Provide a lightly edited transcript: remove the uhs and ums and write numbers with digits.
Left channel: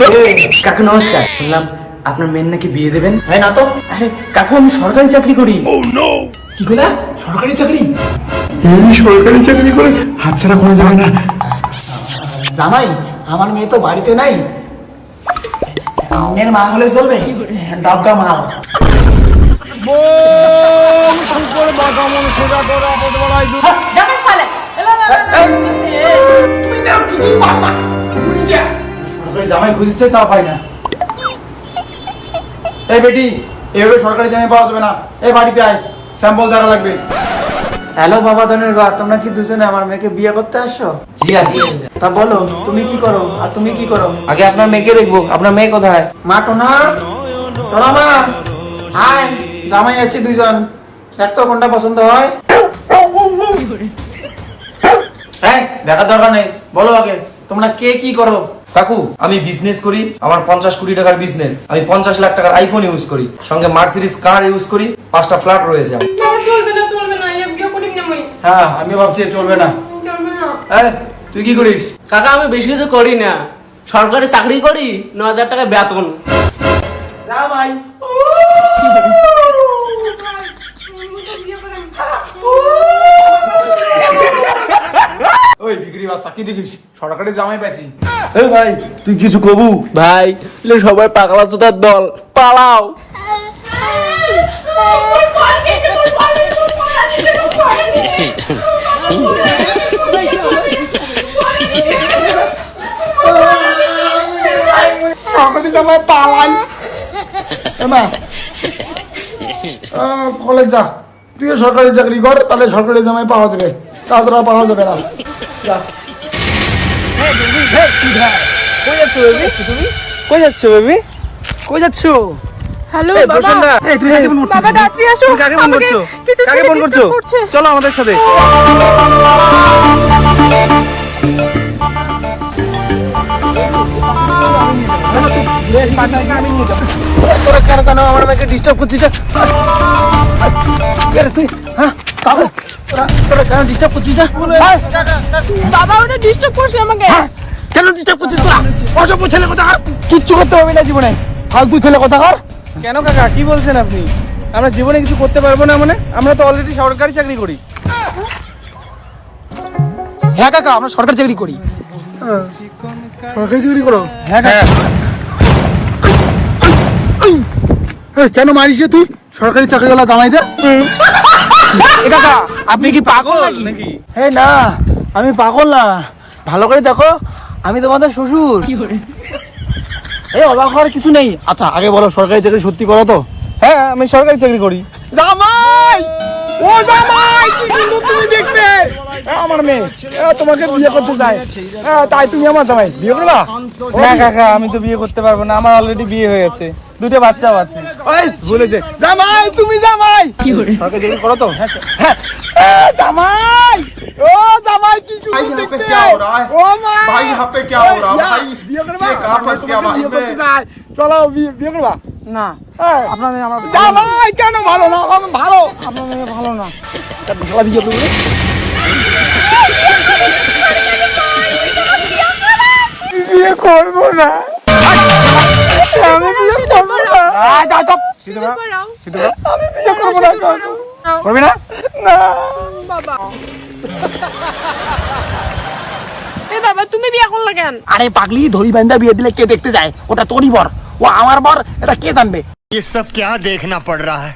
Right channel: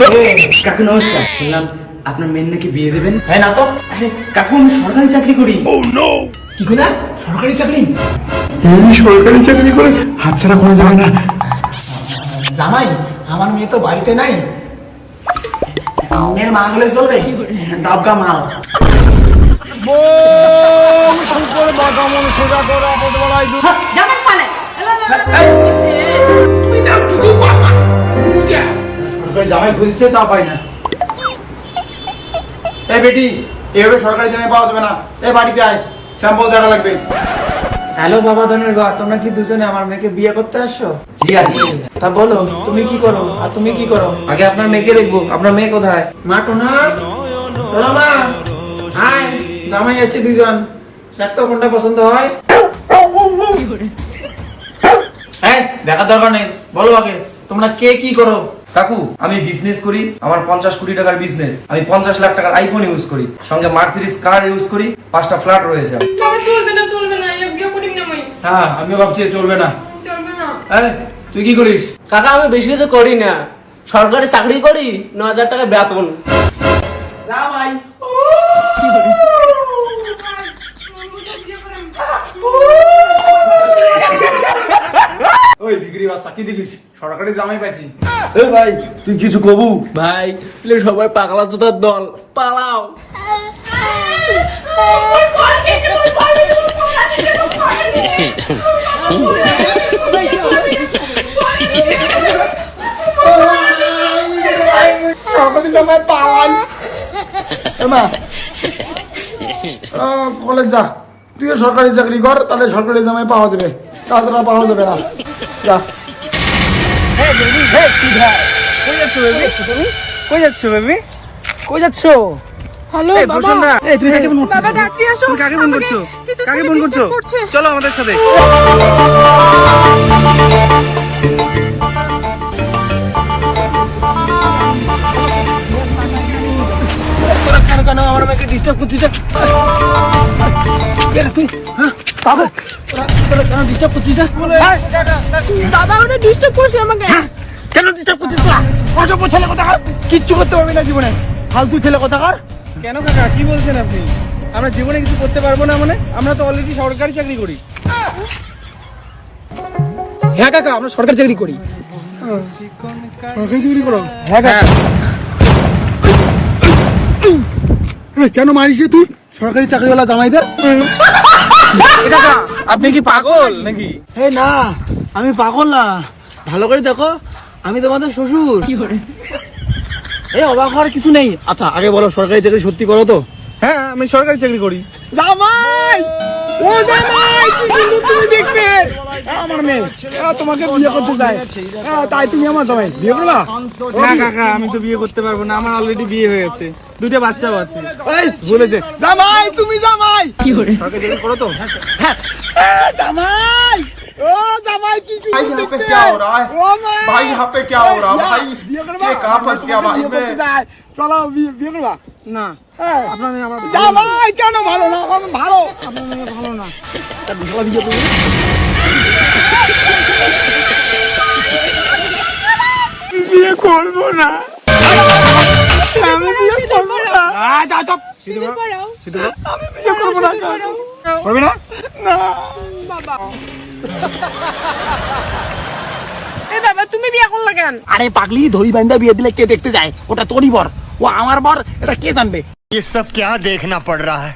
কাকু নমস্কার, শুনলাম আপনার মেয়ের নাকি বিয়ে দেবেন। হ্যাঁ না তো, আরে কাকু আমি সরকারি চাকরি করি। কি বলা? সরকারি চাকরি? এই সরকারি চাকরি করে হাতছাড়া করা যাবে না। জামাই, আমার মেয়ে তো বাড়িতে নাই, মেয়ের মা হলে চলবে? ডাবকা মাল। সরকারি জামাই খুঁজছে, তা পাই না। এই বেটি, এভাবে সরকারি জামাই পাওয়া যাবে না। এই বাড়িতে আয়, স্যাম্পল দেখা লাগবে। হ্যালো বাবা ধনের ঘর, তোমরা কি দুজনে আমার মেয়েকে বিয়ে করতে আসছো? জি আছি। তা বলো, তুমি কি করো আর তুমি কি করো? আগে আপনার মেয়েকে দেখবো। আপনার মেয়ে কোথায়? মা টোনা, টোনা মা, আয়, জামাই আছে দুইজন, এক তো কোনটা পছন্দ হয়? হ্যাঁ, দেখার দরকার নেই, বলো আগে তোমরা কে কি করো? কাকু, আমি বিজনেস করি। আমার 50 কোটি টাকার বিজনেস। আমি 50 লাখ টাকার আইফোন ইউজ করি, সঙ্গে মার্সিডিজ কার ইউজ করি, 5টা ফ্ল্যাট রয়েছে। হ্যাঁ, আমিও ভাবছি চলবে না। তুই কি করিস? কাকা আমি বেশি কিছু করি না, সরকারি চাকরি করি, 9,000 টাকা বেতন। জামাই ওই বিক্রি বাচ্চা, কি দেখিস? সরকারি জামাই পাইছি। এই ভাই, তুই কিছু কবু? ভাই সবাই পাগলা চোদার দল, পালাও। সরকারি জামাই পালাই। মা, কলেজ যা, তুইও সরকারি চাকরি কর, তাহলে সরকারি জামাই পাওয়া যাবে, তাছাড়া পাওয়া যাবে না। যা। হ্যালো বাবা, বাবা তাড়াতাড়ি আসো, আমাকে কিছু ছেলে ডিস্টার্ব করছে। চলো আমাদের সাথে। তোরা কেন কেন আমার মেয়েকে ডিস্টার্ব করছিস? তুই হ্যাঁ কাকু, তোরা কেন ডিস্টার্ব করছিস? বাবা ওটা ডিস্টার্ব করছে আমাকে। কেন ডিস্টার্ব করছিস তোরা? অসভ্য ছেলে কোথাকার, কিচ্ছু করতে হবে না জীবনে, ফালতু ছেলে কোথাকার। কেন কাকা, কি বলছেন আপনি? আমরা জীবনে কিছু করতে পারবো না মানে? আমরা তো অলরেডি সরকারি চাকরি করি। হ্যাঁ কাকা, আমরা সরকারি চাকরি করি। সরকারি চাকরি করো? হ্যাঁ কাকা। কেন মারিস রে তুই সরকারি চাকরিওয়ালা জামাইদের? আপনি কি পাগল নাকি? হে না, আমি পাগল না, ভালো করে দেখো, আমি তোমাদের শ্বশুর। এই অবাক হওয়ার কিছু নেই। আচ্ছা আগে বলো, সরকারি চাকরি সত্যি করো তো? হ্যাঁ, আমি সরকারি চাকরি করি। জামাই, ও জামাই, কি সুন্দর তুমি দেখতে। আমার মেয়ে তোমাকে বিয়ে করতে চায়, তাই তুমি আমার জামাই বিয়ে করবা? না কাকা, আমি তো বিয়ে করতে পারবো না, আমার অলরেডি বিয়ে হয়েছে, 2টা বাচ্চাও আছে। ওই বলেছে জামাই, তুমি জামাই সরকারি চাকরি করো তো? হ্যাঁ, জামাই, ও জামাই, কি সুন্দর দেখতে। ও মা, भाई यहाँ पे क्या हो रहा भाई? বিয়ে করবা? ये कहाँ फंस गया भाई বিয়ে করতে मैं? চায়, চলো বিয়ে করবা? না, হ্যাঁ, আপনার মেয়ে আমার জামাই কেন ভালো না? আমার ভালো, আপনার মেয়ে ভালো না। বিয়ে করবো? বিয়ে করবো না, আমি বিয়ে করবো না। যাও যাও, শুরু করাও। আমি বিয়ে করবো না। করবি না? বাবা এই বাবা, তুমি বিয়ে করলা কেন? আরে পাগলি, ধরি বান্ধা বিয়ে দিলে কে দেখতে যায়? ওটা তোরই বর, ও আমার বর, এটা কে জানবে? ये सब क्या देखना पड़ रहा है?